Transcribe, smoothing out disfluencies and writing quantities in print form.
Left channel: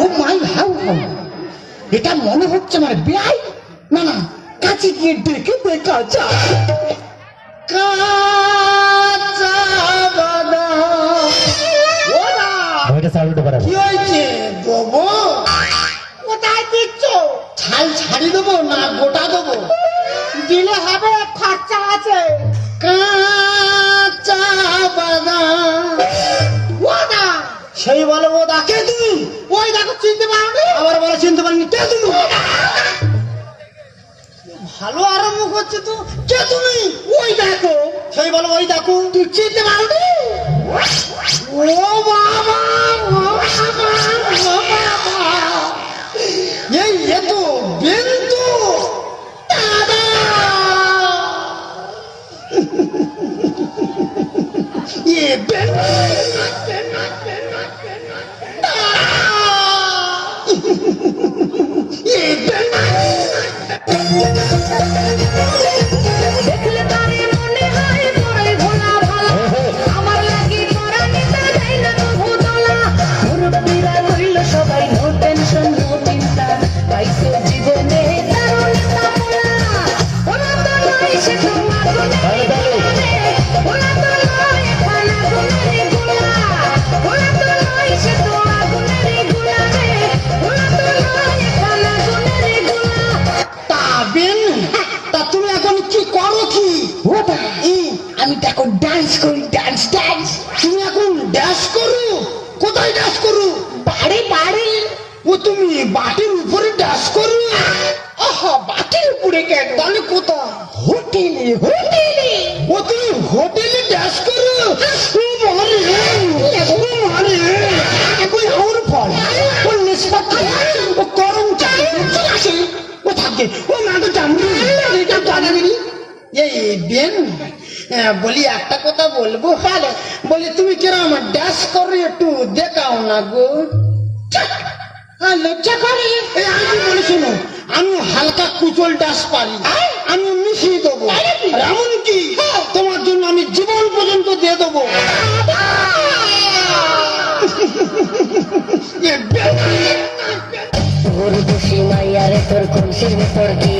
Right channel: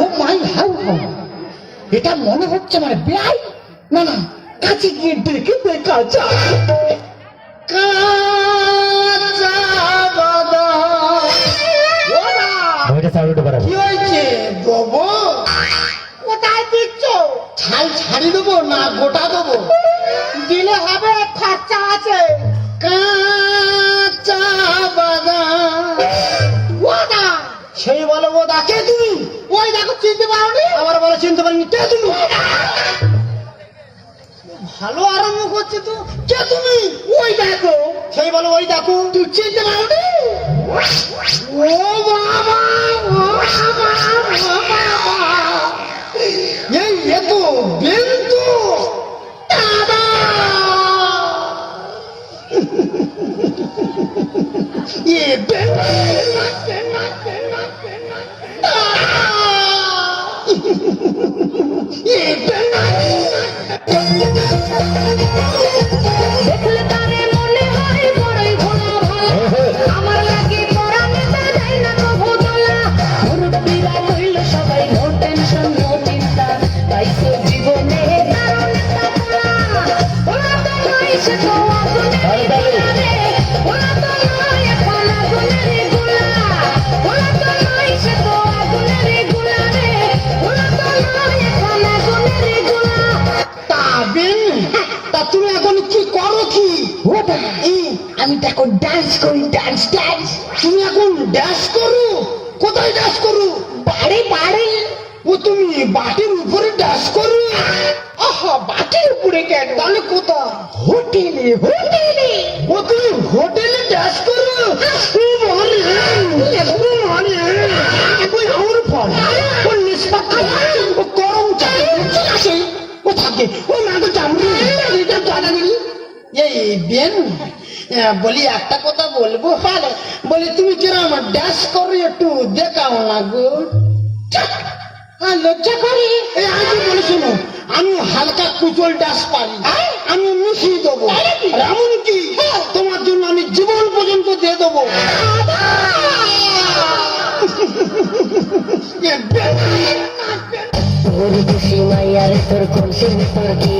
ও মাই how, এটা মনে হচ্ছে আমার বেআই। না না, কাছে গিয়ে ডেকে দেখা যায়। কাঁচা বাদাম। ওরা ওইটা সাউন্ড বাড়াবো। কি হয়েছে দেবো? কোথায় দিচ্ছ? ছাই ছাড়ি দেবো না গোটা দেবো? দিলে হবে, খরচা আছে। কাঁচা বাদাম। ওদা, সেই বলে ওদা। কে তুমি? ওই দেখো, চিনতে পারো না? আবার বলে চিনতে পারিনি। কে তুমি? ভালো আরম্ভ করছে তো। কে তুমি? ওই দেখো। সেই বলো ওই দেখো। তুই চিনতে পারবি? ও বাবা, ও বাবা, ও বাবা, এই এ তো বিন্দু দাদা। এ বিন্দু এ বিন্দু। দেখলে তারে মনে হয় বড়ই ভোলা ভালা, আমার লাগি করা নিতে দেয় না কভু দোলা। মুরব্বিরা কইল সবাই নো টেনশন নো চিন্তা, পাইছে জীবনে দারুণ একটা পোলা। ওরা তো নয় সে তো আগুনের ওরা তো নয় এখন আগুনের গুলা, ওরা তো নয় সে তো আগুনের গুলা রে, ওরা তো নয় এখন আগুনের গুলা। তা বেন, তা তুমি এখন কি করো? কি ওটা? আমি তো এখন ডান্স করি। Dance dance. তুমি এখন ড্যান্স করো? কোথায় ড্যান্স করো? বাড়ি বাড়ি। ও তুমি বাটির উপরে ড্যান্স করো? আহা, বাটির উপরে কেন? তাহলে কোথায়? হোটেলে। হোটেলে? ও তুমি হোটেলে ড্যান্স করো? ও মারে, ও মারে, ওই আমার ফল, ও নিষ্পাত্র, ও গরম চাকরি আসে, ও থাকে, ও নাটক জানি, এটা জানা নেই। এই বেন, বলি একটা কথা বলবো? বলি তুমি কিরম ড্যান্স করো, একটু দেখাও না গো। লজ্জা করে। এই আগে বলে শোনো, আমি হালকা কুচল ডান্স পারি, আমি মিশিয়ে দেবো। এমন কি তোমার জন্য আমি জীবন পর্যন্ত দিয়ে দেবো। তোর খুশি মাইয়ারে তোর খুশি তোর কি